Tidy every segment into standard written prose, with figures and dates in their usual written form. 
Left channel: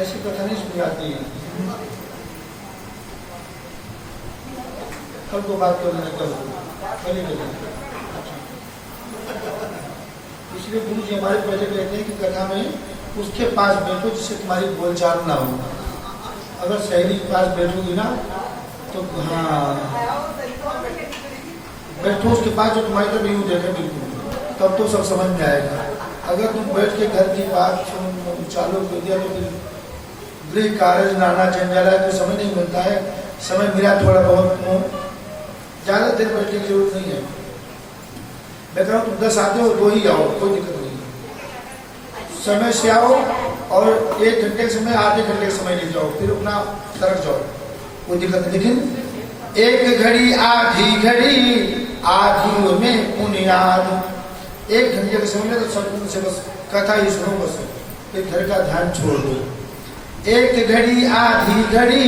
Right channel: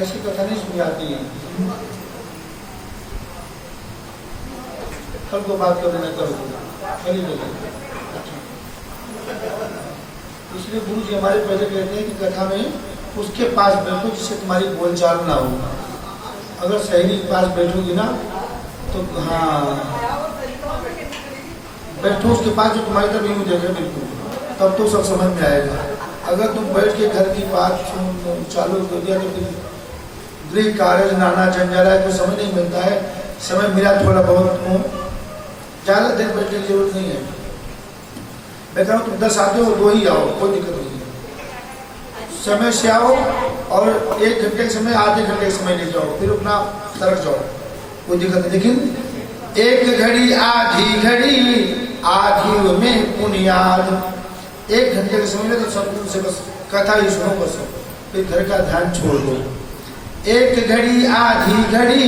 ऐसी कथा नहीं सुनी आती है। कल को बात कर लेना, कल इसलिए गुरु जी हमारे पहले कहते हैं कि कथा में उसके पास बैठो जिससे तुम्हारी बोलचाल ना हो। अगर सहेली के पास बैठोगी ना तो हाँ बैठो उसके पास जो तुम्हारी तरफ यूं देखे बिल्कुल, तब तो सब समझ में आएगा। अगर तुम बैठ के घर की बात चालू कर दिया तो गृह कार्य नाना जंजाल है तो समय नहीं मिलता है। समय मिला थोड़ा बहुत, ज्यादा देर बैठने की जरूरत नहीं है। मैं कह रहा हूँ तुम 10 आते हो 2 ही आओ, कोई दिक्कत नहीं है। समय से आओ और 1 घंटे के समय आधे घंटे के समय ले जाओ, फिर अपना सरक जाओ, कोई दिक्कत नहीं। लेकिन 1 घड़ी आधी घड़ी आधी में पुनियाद, 1 घंटे के समय में तो सब से बस कथा ही सुनो, बस फिर घर का ध्यान छोड़ दो। 1 घड़ी आधी घड़ी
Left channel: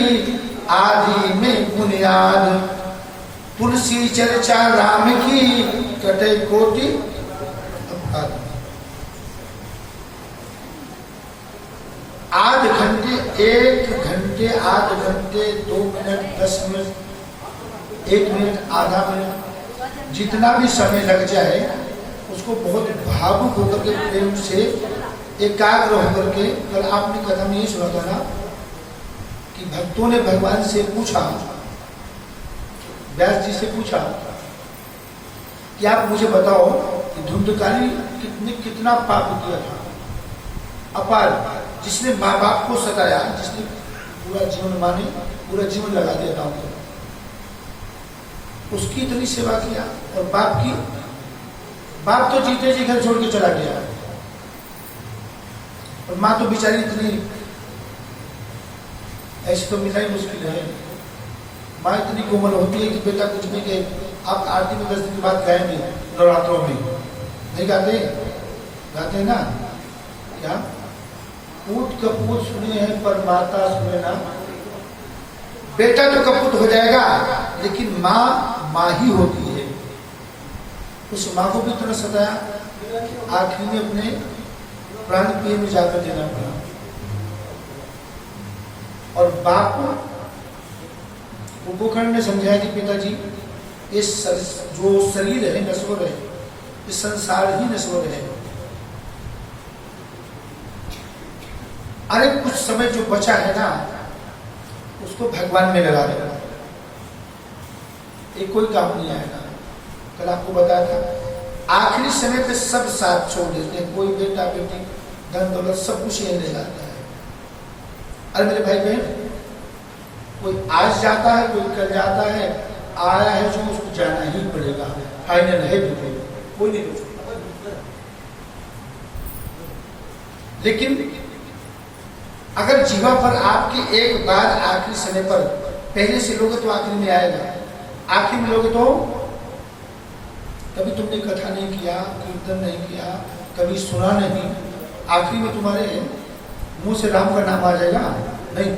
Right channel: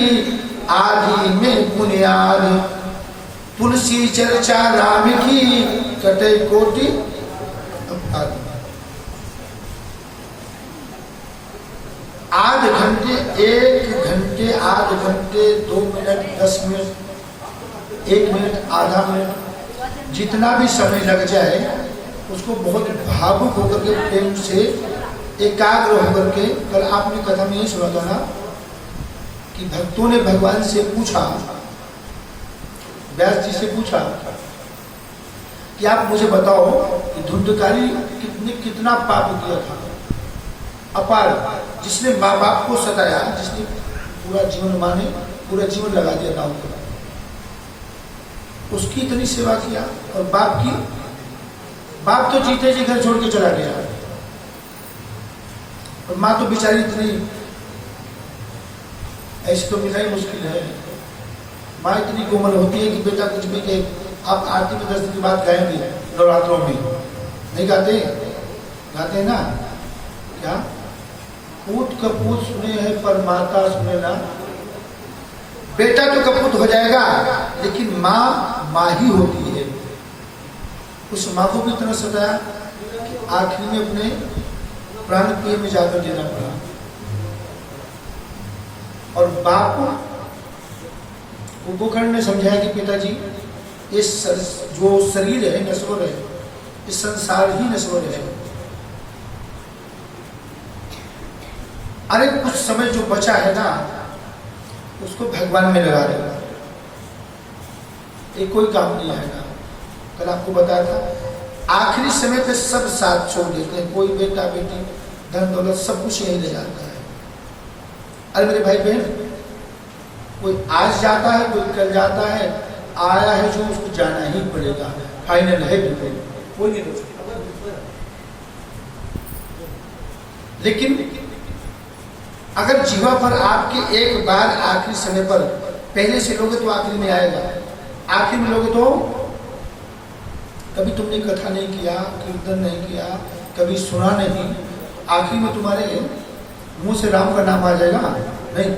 आधी में बुनियाद, तुलसी चर्चा राम की कटे कोटि आध घंटे 1 घंटे आध घंटे 2 मिनट 10 मिनट 1 मिनट आधा मिनट जितना भी समय लग जाए उसको बहुत भावुक होकर के प्रेम से एकाग्र होकर के। कल आपने कथा में ये सुना था ना कि भक्तों ने भगवान से पूछा, व्यास जी से पूछा कि आप मुझे बताओ कि धुंधकारी कितना पाप किया था अपार, जिसने माँ बाप को सताया, जिसने पूरा जीवन माने पूरा जीवन लगा दिया नाम पर, उसकी इतनी सेवा किया। और बाप तो जीते जी घर छोड़ के चला गया, और माँ तो बेचारी इतनी, ऐसी तो मिलना ही मुश्किल है। माँ इतनी कोमल होती है कि बेटा कुछ भी के आप आरती में 10 दिन की बात गाएंगे नवरात्रों में, नहीं गाते? गाते हैं ना? क्या पूत कपूत सुने हैं पर माता सुने ना। बेटा तो कपूत हो जाएगा लेकिन माँ ही होती है। उस माँ को भी इतना सताया कि आखिर में अपने प्राण प्रिय में जाकर देना पड़ा। और बाप को गोकर्ण ने समझाया कि पिताजी इस जो शरीर है नश्वर है, इस संसार ही नश्वर है। अरे कुछ समय जो बचा है ना उसको भगवान में लगा देगा, ये कोई काम नहीं आएगा। कल आपको बताया था आखिरी समय पे सब साथ छोड़ देते हैं, कोई बेटा बेटी धन दौलत सब कुछ यही ले जाता है। अरे मेरे भाई बहन, कोई आज जाता है कोई कल जाता है, आया है जो उसको जाना ही पड़ेगा, फाइनल है बिल्कुल, कोई नहीं रोक सकता। लेकिन अगर जीवा पर आपके एक बार आखिरी समय पर पहले से लोगे तो आखिरी में आएगा, आखिर में लोगे तो कभी तुमने कथा नहीं किया, कीर्तन नहीं किया, कभी सुना नहीं, आखिर में तुम्हारे मुंह से राम का नाम आ जाएगा नहीं,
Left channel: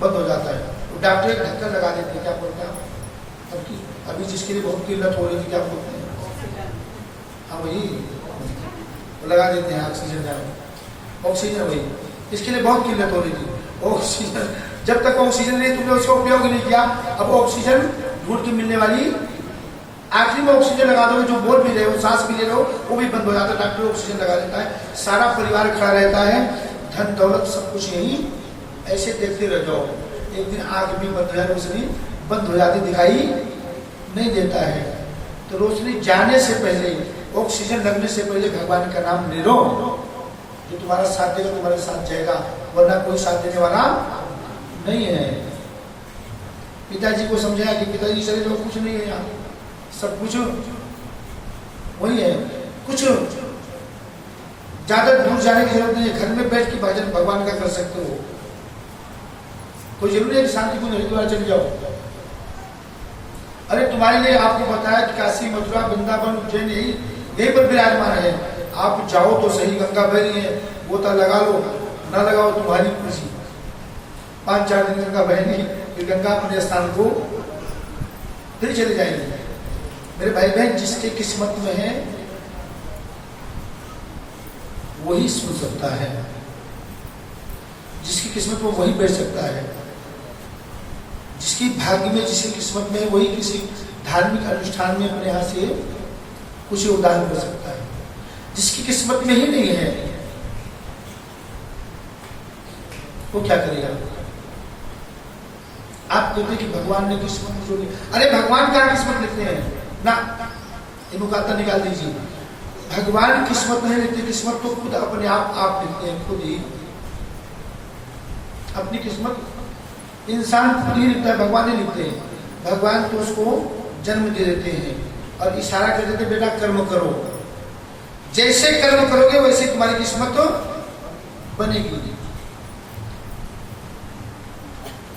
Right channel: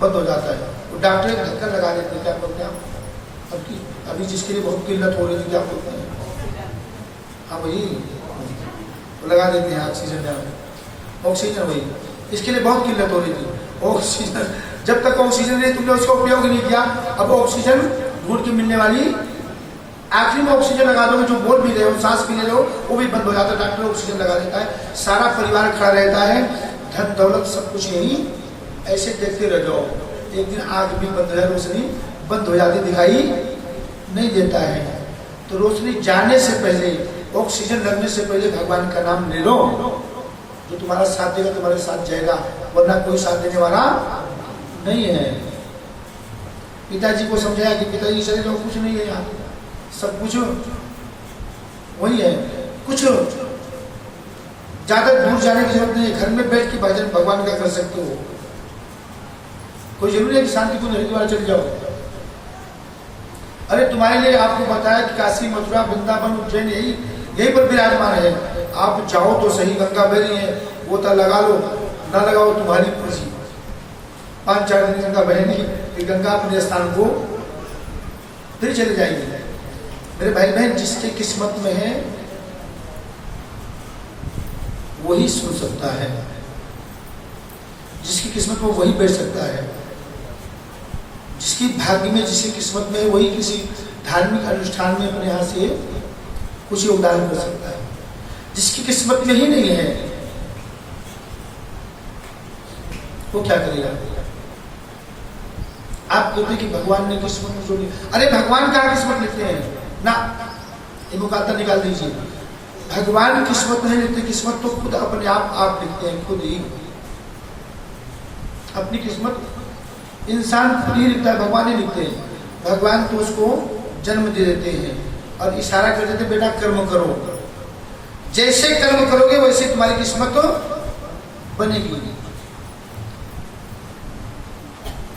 बंद हो जाता है। तो डॉक्टर एक ढक्कन लगा देते, क्या बोलते हैं अभी जिसके लिए बहुत किल्लत हो रही थी, क्या बोलते हैं, हाँ भाई लगा देते हैं ऑक्सीजन, ऑक्सीजन भाई इसके लिए बहुत किल्लत हो रही थी, ऑक्सीजन, जब तक ऑक्सीजन नहीं तुमने उसका उपयोग नहीं किया, अब ऑक्सीजन ढूंढ के मिलने वाली, आखिरी में ऑक्सीजन लगा दोगे, जो बोल भी रहे हो, सांस भी ले रहे हो, वो भी बंद हो जाता है, डॉक्टर ऑक्सीजन लगा देता है, सारा परिवार खड़ा रहता है, धन दौलत सब कुछ यही ऐसे देखते रह जाओ। एक दिन आंख भी बंद है, रोशनी बंद हो जाती, दिखाई नहीं देता है। तो रोशनी जाने से पहले, ऑक्सीजन लगने से पहले भगवान का नाम ले लो, जो तुम्हारा साथ देगा तुम्हारे साथ जाएगा, वरना कोई साथ देने वाला नहीं है। पिताजी को समझाया कि पिताजी चले जाओ, कुछ नहीं है यहाँ, सब कुछ वही है, कुछ ज्यादा दूर जाने की जरूरत नहीं है, घर में बैठ के भजन भगवान का कर सकते हो। कोई जरूरी है कि शांतिपूर्ण हरिद्वार चले जाओ। अरे तुम्हारे लिए आपको बताया कि काशी, मथुरा, वृंदावन, उज्जैन यही पर विराजमान है। आप जाओ तो सही, गंगा बह रही है, गोता लगा लो, ना लगाओ तुम्हारी खुशी। 5-4 दिन गंगा बहनी, फिर गंगा अपने स्थान को फिर चले जाएंगे। मेरे भाई बहन, जिसके किस्मत में है वही सुन सकता है, जिसकी किस्मत में वही बैठ सकता है, जिसकी भाग्य में, जिसकी किस्मत में है वही किसी धार्मिक अनुष्ठान में अपने यहां से कुछ योगदान कर सकता है। जिसकी किस्मत में ही नहीं है वो क्या करेगा? आप कहते कि भगवान ने किस्मत में जोड़ी, अरे भगवान का किस्मत लिखते हैं ना, इनको कहता निकाल दीजिए। भगवान किस्मत नहीं लिखते, किस्मत तो खुद अपने आप लिखते हैं, खुद ही अपनी किस्मत इंसान खुद ही लिखता है, भगवान नहीं लिखते हैं। भगवान तो उसको जन्म दे देते हैं और इशारा कर देते, बेटा कर्म करो, जैसे कर्म करोगे वैसे तुम्हारी किस्मत बनेगी।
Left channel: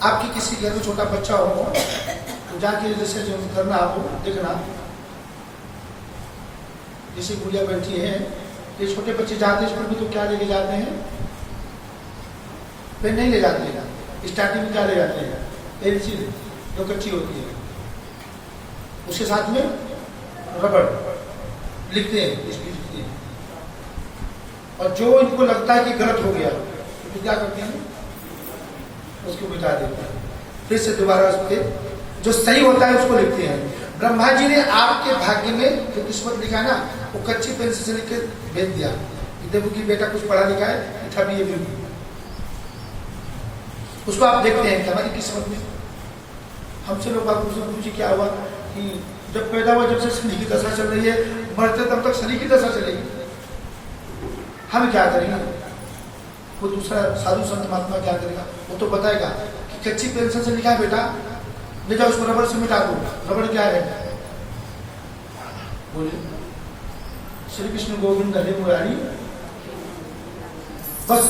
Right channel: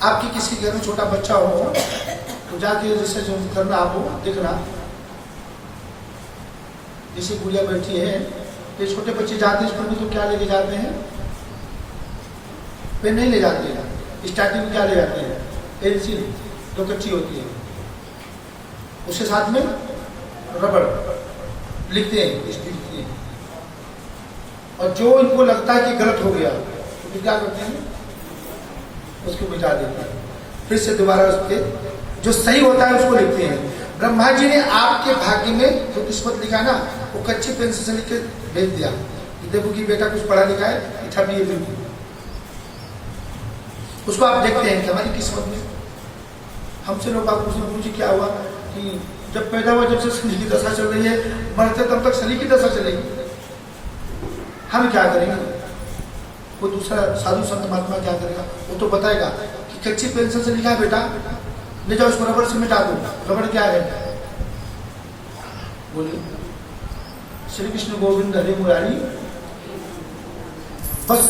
आपकी किसी घर में छोटा बच्चा हो तो जाके जैसे जो करना, आपको देखना, किसी गुड़िया बैठी है, ये छोटे बच्चे जाते हैं स्कूल में तो क्या लेके जाते हैं? पेन नहीं ले जाते हैं, स्टार्टिंग में क्या ले जाते हैं? पेंसिल, जो कच्ची होती है, उसके साथ में रबड़ लिखते हैं, इसकी लिखते हैं। और जो इनको लगता है कि गलत हो गया तो क्या करते हैं? उसको मिटा देते हैं, फिर से दोबारा उसके जो सही होता है उसको लिखते हैं। ब्रह्मा जी ने आपके भाग्य में जो किस्मत लिखा ना, वो कच्ची पेंसिल से लिख के भेज दिया कि देखो कि बेटा कुछ पढ़ा लिखा है, लिखा भी है, उसको आप देखते हैं कि हमारी किस्मत में। हमसे लोग बात पूछते, गुरु जी क्या हुआ कि जब पैदा हुआ जब से शनि की दशा चल रही है, मरते तब तक शनि की दशा चलेगी, हम क्या करेंगे? वो दूसरा साधु संत महात्मा क्या करेगा? वो तो बताएगा कि कच्ची पेंसिल से लिखा है बेटा, ले जाओ उसको रबड़ से मिटा दो। रबड़ क्या है? बोलिए, श्री कृष्ण गोविंद हरे मुरारी, बस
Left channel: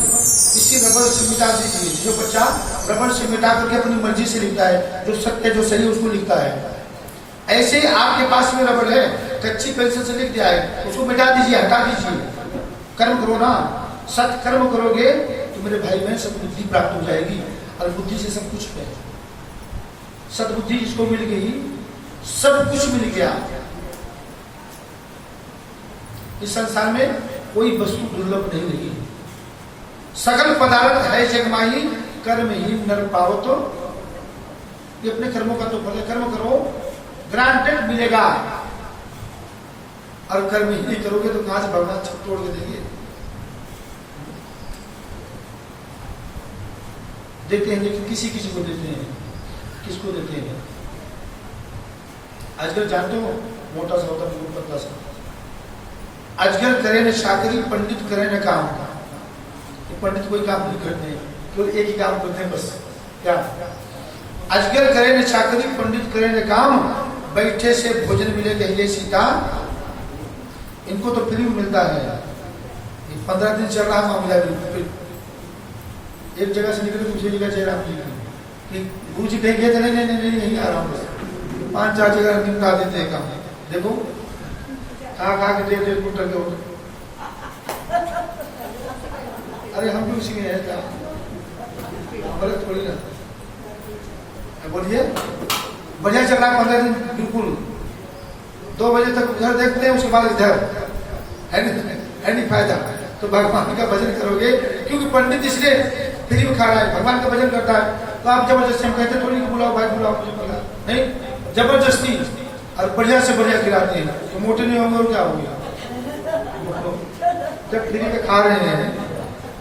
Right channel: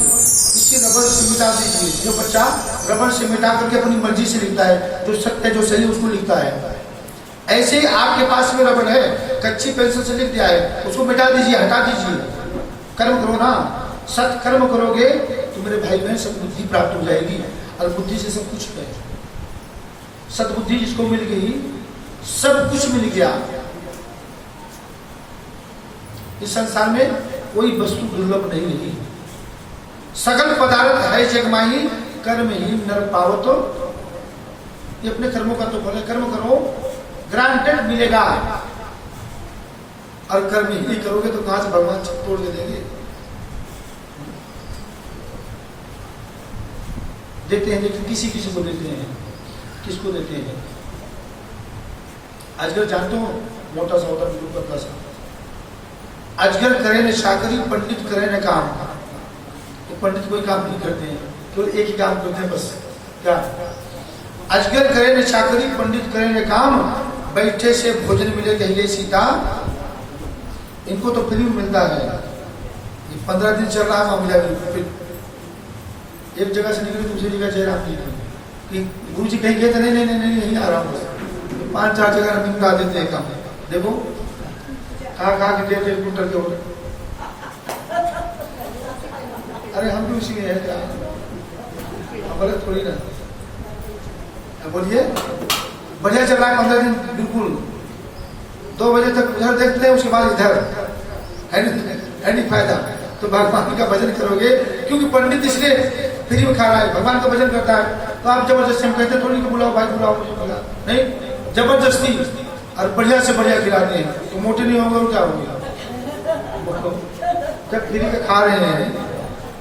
इसी रबड़ से मिटा दीजिए। जो बच्चा रबड़ से मिटा करके अपनी मर्जी से लिखता है, जो सत्य जो सही उसको लिखता है, ऐसे आपके पास में रबड़ है, कच्ची पेंसिल से लिख दिया है, उसको मिटा दीजिए, हटा दीजिए। कर्म करो ना, सत्कर्म करोगे तो मेरे भाई बहन सब बुद्धि प्राप्त हो जाएगी, और बुद्धि से सब कुछ है। सद्बुद्धि जिसको मिल गई, सब कुछ मिल गया। इस संसार में कोई वस्तु दुर्लभ नहीं रही। सगल पदार्थ है जगमाही, कर्म ही नर पावतो। ये अपने कर्मों का तो फल है, कर्म करो, ग्रांटेड मिलेगा। और कर्म ही करोगे तो कहां से भगवान छत तोड़ के देंगे? देते हैं, लेकिन किसी किसी को देते हैं। किसको देते हैं? अजगर जानते हो, मोटा सा होता है, बिल्कुल पतला सा। अजगर करे न चाकरी, पंडित करे न काम। तो पंडित कोई काम नहीं करते हैं, तो एक ही काम करते हैं बस, क्या? अजगर करे न चाकरी, पंडित करे न काम, बैठे से भोजन मिले कहिए सीता। इनको तो फ्री मिलता है। ये 15 दिन चल रहा मामला, फिर एक जगह से निकले दूसरी जगह जयराम जी कि गुरु जी कहीं गए थे, नहीं यहीं आ रहा हूँ। 5-4 जगह निपटा देते हैं काम। देखो खा के 1.5 कुंटल के होते। अरे हम भी उसी में है क्या? गलत थोड़ी ना। बोलिए, बढ़िया चल रहा है 15 दिन, बिल्कुल 2 बजे तक उधर देखते हैं, उसके बाद इधर है नहीं फायदा। तो भगवान का भजन करोगे, क्योंकि पंडित इसलिए फ्री में खा रहा है, भगवान का भजन करता है, तो आप जबरदस्ती हम कहते थोड़ी कि बुलाओ भाई बुलाओ मुझे बुला, नहीं, जबरदस्ती और बढ़िया से बढ़िया खिलाते हैं, तो मोटे नहीं होंगे और क्या होंगे। जब फ्री का खा रहे हैं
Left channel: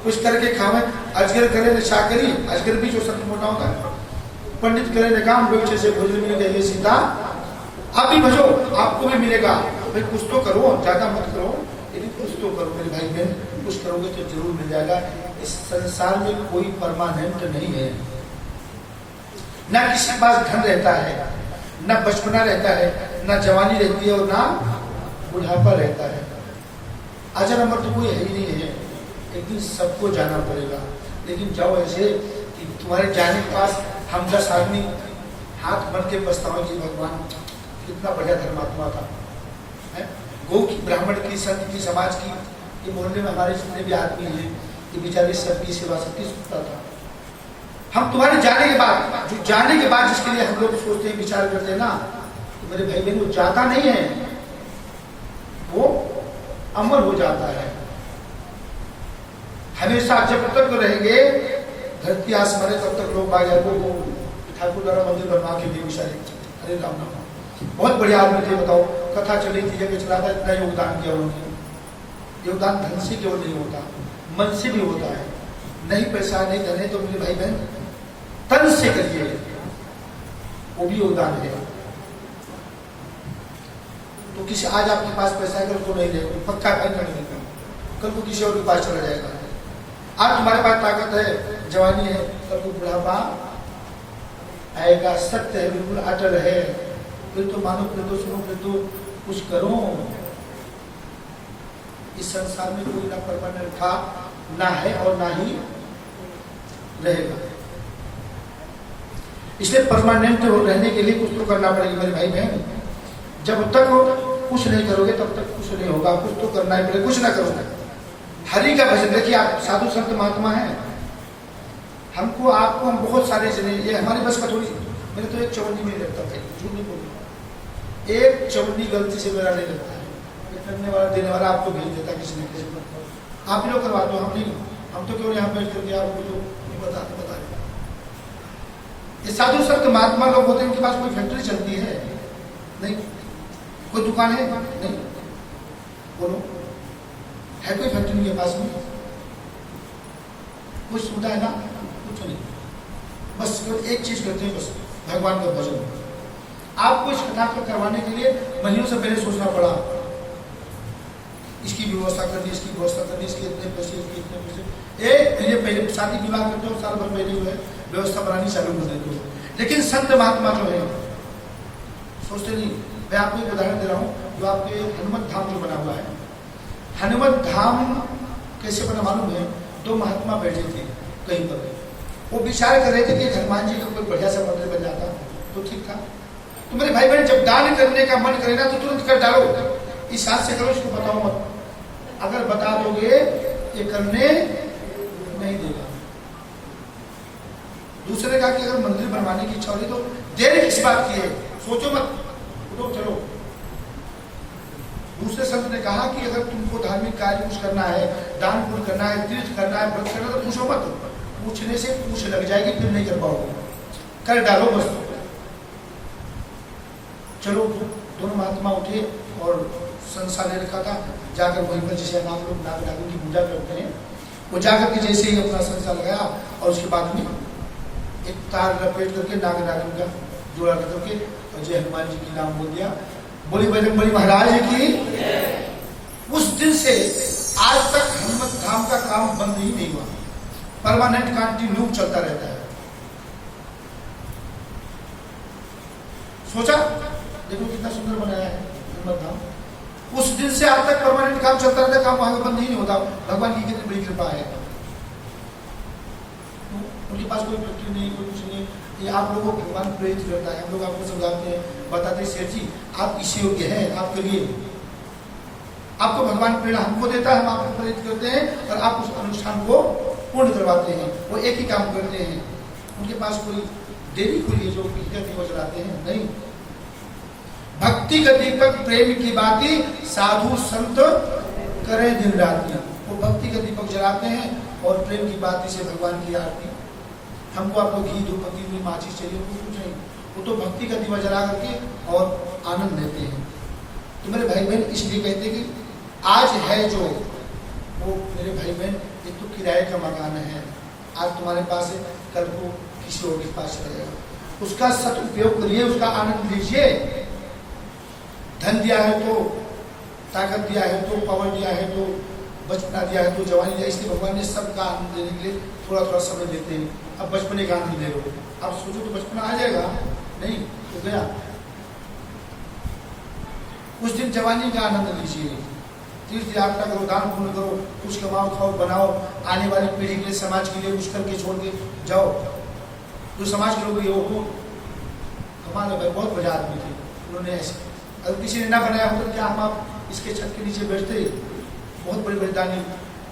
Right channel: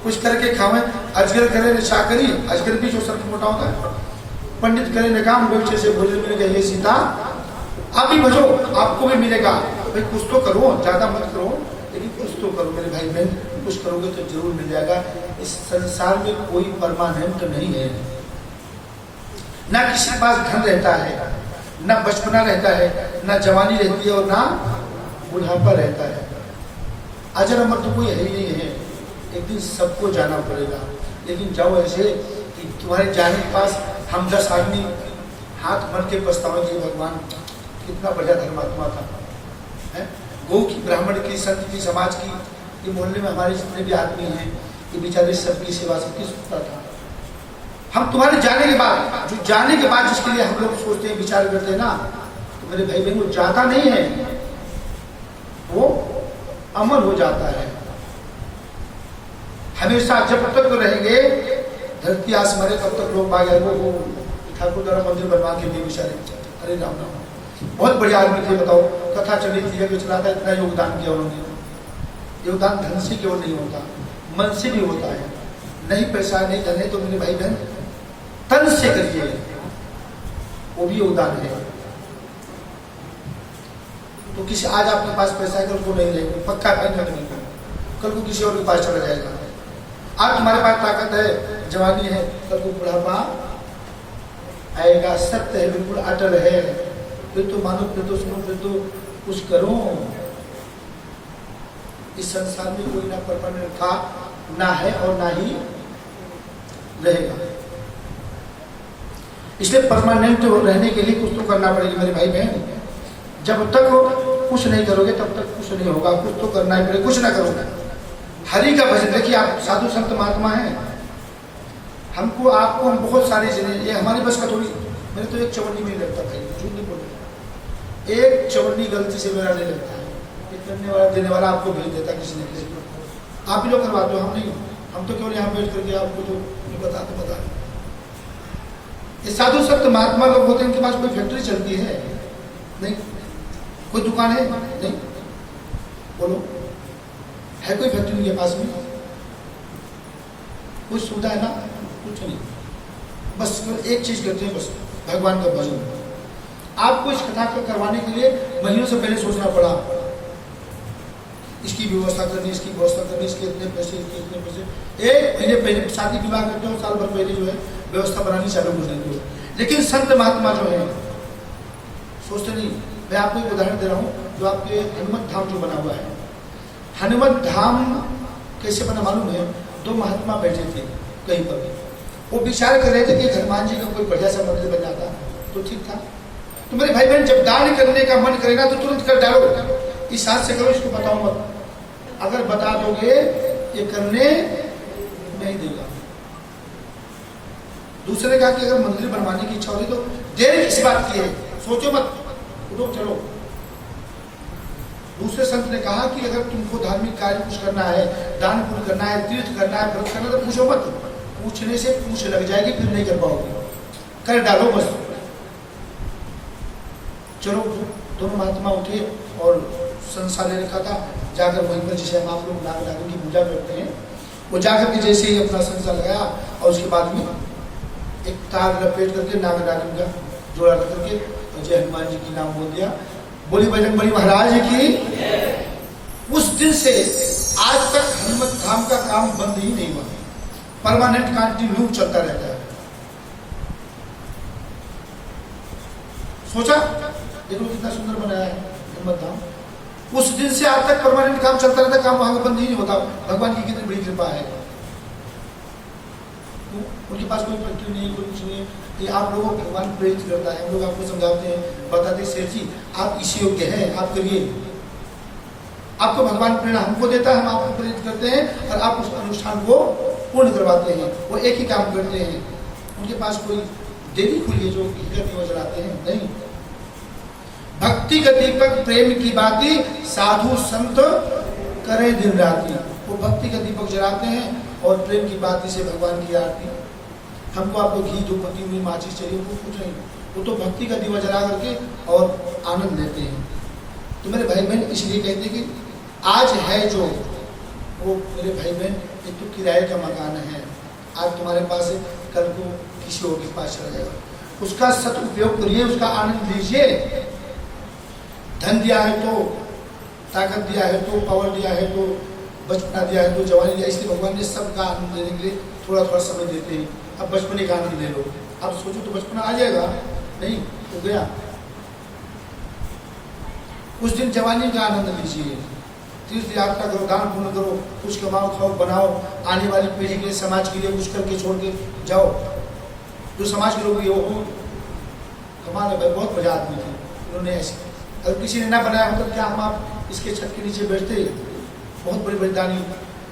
कुछ करके खावे, अजगर करे ने चाकरी, अजगर भी जो सबसे मोटा होता है, पंडित करे ने काम, बच्चे से भोजन मिल जाइए सीता, आप भी भजो आपको भी मिलेगा, भाई कुछ तो करो, ज्यादा मत करो लेकिन कुछ तो करो मेरे भाई बहन, कुछ करोगे तो जरूर मिल जाएगा। इस संसार में कोई परमानेंट नहीं है, ना किसी के पास धन रहता है, ना बचपना रहता है, ना जवानी रहती है और ना बुढ़ापा रहता है। अजर अमर तो कोई है ही नहीं है, एक दिन सबको जाना पड़ेगा। लेकिन जाओ ऐसे कि तुम्हारे जाने के पास हम 10 आदमी हाथ भर के पछतावे कि भगवान कितना बढ़िया धर्मात्मा था, है? गौ की, ब्राह्मण की, संत की, समाज की, ये मोहल्ले में हमारे जितने भी आदमी हैं ये बेचारे सबकी सेवा सबकी सुखता था। हम तुम्हारे जाने के बाद, जो जाने के बाद जिसके लिए हम लोग सोचते हैं विचार करते हैं ना, तो मेरे भाई बहन वो जाता नहीं है, वो अमर हो जाता है। हमेशा जब तक रहेंगे धरती आसमाने तब तक लोग भाई वो ठाकुर द्वारा मंदिर बनवा के दिए बेचारे, अरे राम राम, बहुत बढ़िया आदमी थे, बताओ कथा चली थी जब चला था, इतना योगदान किया उन्होंने। योगदान धन से केवल नहीं होता, मन से भी होता है। नहीं पैसा नहीं धन है तो मेरे भाई बहन तन से करिए, वो भी योगदान है। तो किसी आज आपके पास पैसा है कल को नहीं रहेगा, पक्का है नहीं, कल को किसी और के पास चला जाएगा। आज तुम्हारे पास ताकत है, जवानी है, कल को बुढ़ापा आएगा, सत्य है, बिल्कुल अटल है, फिर तो मानो, फिर तो सुनो, फिर तो कुछ करो। इस संसार में कोई ना परमानेंट था, ना है और ना ही रहेगा। इसलिए परमानेंट रहने के लिए कुछ तो करना पड़ेगा मेरे भाई बहन। जब तक कुछ नहीं करोगे तब तक कुछ नहीं होगा, कुछ तो करना ही पड़ेगा, कुछ ना करो ना। हरि का भजन, देखिए आप साधु संत महात्मा हैं, हमको आपको हम बहुत सारे जने, ये हमारी बस का थोड़ी, मेरे तो एक चवन्नी में लगता है, झूठ नहीं बोलूं, एक चवन्नी गलती से मेरा नहीं लगता है, करने वाला देने वाला आपको भेज देता किसी न किसी को, आप ही लोग करवा दो, हम नहीं, हम तो क्यों यहाँ बैठ करके आपको जो ये बता। ये साधु संत महात्मा लोग होते हैं, इनके पास कोई फैक्ट्री चलती है नहीं, कोई दुकान है नहीं, बोलो है कोई फैक्ट्री इनके पास में, कोई सुविधा है ना, कुछ नहीं, बस एक चीज करते हैं, बस भगवान का भजन। आपको इस कथा को करवाने के लिए महीनों से पहले सोचना पड़ा, इसकी व्यवस्था करनी, इसकी व्यवस्था करनी, इसके इतने पैसे, इसके इतने पैसे, एक महीने पहले शादी विवाह करते हो, साल भर पहले जो है व्यवस्था बनानी चालू हो जाती है। लेकिन संत महात्मा जो है सोचते नहीं। मैं आपको एक उदाहरण दे रहा हूँ, जो आपके हनुमत धाम जो बना हुआ है, हनुमत धाम कैसे बना मालूम है? 2 महात्मा बैठे थे कहीं पर, वो विचार कर रहे थे कि हनुमान जी का कोई बढ़िया सा मंदिर बन जाता तो ठीक था। तो मेरे भाई बहन, जब दान करने का मन करेगा तो तुरंत कर डालो, इस हाथ से करो, इसको बताओ मत। अगर बता दोगे ये करने नहीं देगा। दूसरे का कि अगर मंदिर बनवाने की इच्छा होगी तो देर किस बात की है, सोचो मत, उठो चलो। दूसरे संत ने कहा कि अगर तुमको धार्मिक कार्य कुछ करना है, दान पुण्य करना है, तीर्थ करना है, व्रत करना है, तो पूछो मत, पूछने से पूछ लग जाएगी, फिर नहीं कर पाओगे, कर डालो बस। चलो, दोनों महात्मा उठे और संसार ले रखा था, जाकर वहीं पर जिसे हम आप लोग नाग नागों की पूजा करते हैं, वो जाकर के जैसे ही अपना संसार लगाया और उसके बाद में एक तार लपेट करके नाग नागिन का जोड़ा रख करके जय हनुमान जी की नाम बोल दिया, बोली बजरंगबली महाराज की। उस दिन से आज तक हनुमत धाम का काम बंद ही नहीं हुआ, परमानेंट कंटिन्यू चलता रहता है। सोचा देखो कितना सुंदर बनाया है हनुमत धाम। उस दिन से आज तक परमानेंट काम चलता रहता है, काम वहां बंद ही नहीं होता। भगवान की कितनी बड़ी कृपा है। उनके पास कोई फैक्ट्री नहीं, कोई कुछ नहीं। ये आप लोगों को भगवान प्रेरित करता है, हम लोग आपको समझाते हैं, बताते हैं सेठ जी आप इसी योग्य हैं, आप करिए। आपको भगवान प्रेरणा हमको देता है, हम आपको प्रेरित करते हैं और आप उस अनुष्ठान को पूर्ण करवाते हैं। वो एक ही काम करते हैं, उनके पास कोई देरी खुली है जो दिवस जलाते हैं नहीं। भक्ति का दीपक प्रेम की बाती, साधु संत करे दिन राती। वो भक्ति का दीपक जलाते हैं और प्रेम की बाती से भगवान की आरती। हमको आपको घी धूपबत्ती में माचिस चाहिए, कुछ नहीं, वो तो भक्ति का दीवा जला करके और आनंद लेते हैं। तो मेरे भाई बहन इसलिए कहते हैं कि आज है जो वो मेरे भाई बहन एक तो किराए का मकान है, आज तुम्हारे पास है, कल को किसी और के पास चला जाएगा, उसका सदुपयोग करिए, उसका आनंद लीजिए। धन दिया है तो, ताकत दिया है तो, पावर दिया है तो, बचपना दिया है तो, जवानी दिया, इसलिए भगवान ने सबका आनंद देने के लिए थोड़ा थोड़ा समय देते हैं। अब बचपने का आनंद ले लो, अब सोचो तो बचपना आ जाएगा, नहीं तो गया। उस दिन जवानी का आनंद लीजिए, तीर्थ यात्रा करो, दान पुण्य करो, कुछ कमाओ, खाओ, बनाओ, आने वाली पीढ़ी के लिए, समाज के लिए कुछ करके छोड़ के जाओ। जो समाज के लोग ये हो, हमारे भाई बहुत बड़ा आदमी थे, उन्होंने ऐसे, अगर किसी ने ना बनाया हो तो क्या हम आप इसके छत के नीचे बैठते? बहुत बड़े बलिदानी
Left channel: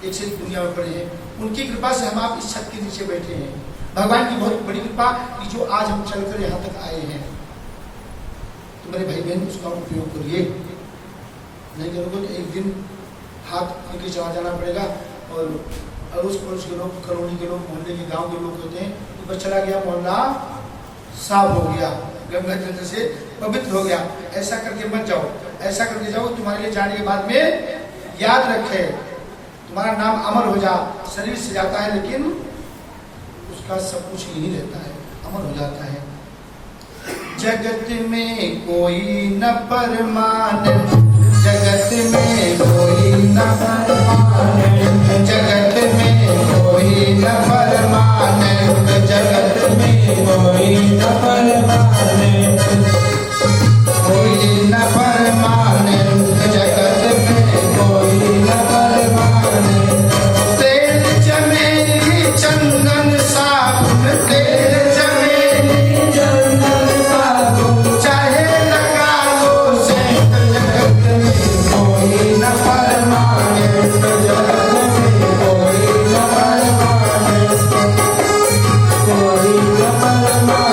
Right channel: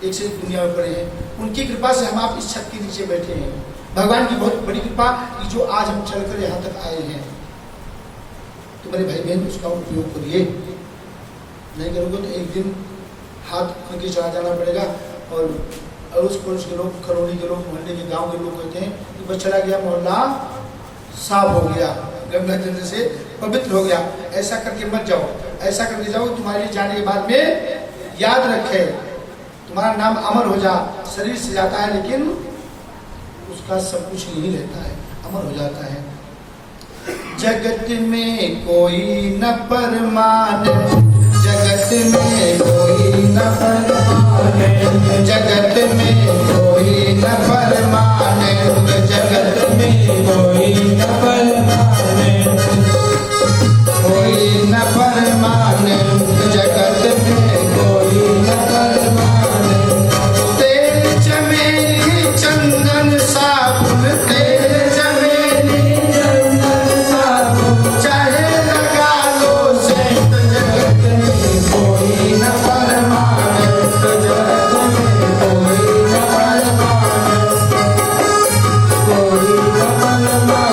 एक से दुनिया में पड़े हैं, उनकी कृपा से हम आप इस छत के नीचे बैठे हैं। भगवान की बहुत बड़ी कृपा कि जो आज हम चलकर यहाँ तक आए हैं। तो मेरे भाई बहन उसका उपयोग करिए, नहीं करोगे तो एक दिन हाथ करके चला जाना पड़ेगा। और अड़ोस पड़ोस के लोग, कॉलोनी के लोग, मोहल्ले के, गांव के लोग कहते हैं कि बस चला गया, मोहल्ला साफ हो गया, गंगा जल से पवित्र हो गया। ऐसा करके मत जाओ, ऐसा करके जाओ तुम्हारे जाने के बाद में याद रखे, तुम्हारा नाम अमर हो जा। शरीर से जाता है लेकिन उसका सब कुछ नहीं रहता है, अमर हो जाता है। जगत में कोई न परमाने, जगत में कोई न परमाने, जगत में कोई न परमाने, जगत में कोई न परमाने, कोई न परमाने, जगत में कोई न परमाने। तेल चमेली चंदन साबुन, तेल चमेली चंदन साबुन, चाहे लगा लो सेंट, जगत में कोई न परमाने, जगत में कोई न परमाने, कोई न परमाने।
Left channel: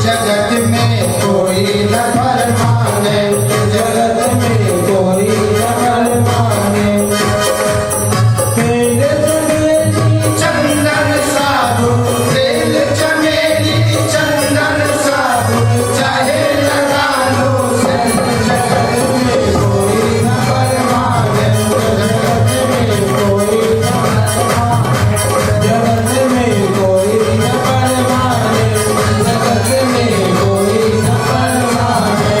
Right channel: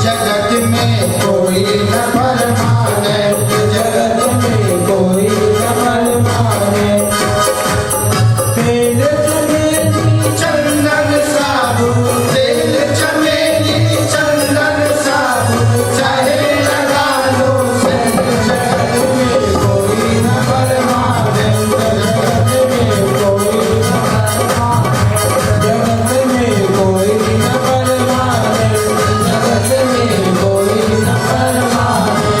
जगत में कोई न परमाने, जगत में कोई न परमाने। तेल चमेली चंदन साबुन, तेल चमेली चंदन साबुन, चाहे लगा लो सेंट, जगत में कोई न परमाने, जगत में कोई न परमाने, जगत में कोई न परमाने, जगत में कोई न परमाने।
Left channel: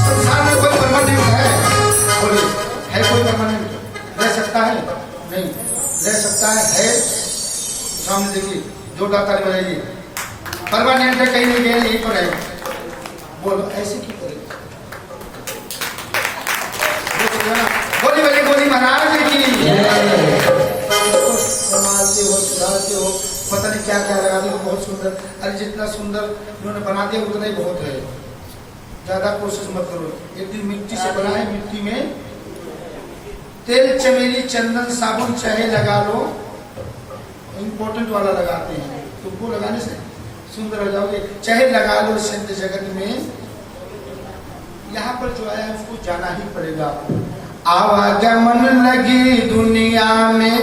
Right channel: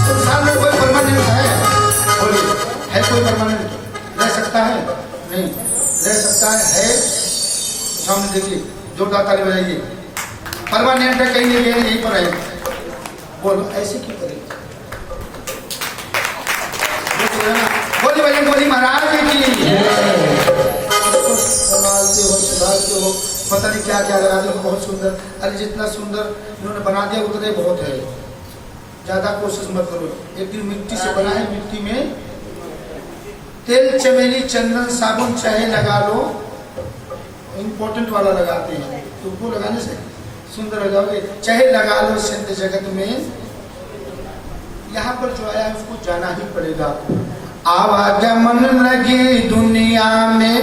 संसार में कोई परमानेंट है? बोलिए, है कोई परमानेंट? रह सकता है? नहीं रह सकता है। सामने देखिए, जोरदार ताली बजाइए। परमानेंट है, कहीं नहीं गए, यहीं पर है। बोलो ऐसे क्यों करें? बोली बोली बोली महाराज की संभालते हो, सुधारते हो, पता नहीं क्या क्या लगा दो, बहुत सुंदर। अरे जितना सुंदर इन्होंने बना दिया उतने बहुत है, ज्यादा कोशिश मत करो। एक दिन मिट्टी से बना है, मिट्टी में तेल चमेली चंदन साबुन चाहे लगा लो, इम्पोर्टेंट वाला लगाते हैं, तुमको लगाने से सुंदर हो जाओगे। चाहे लगा लो संत जगत में, यहाँ पर जो आया है उसको जाना ही पड़ेगा। आवागमन लगी दुनिया में,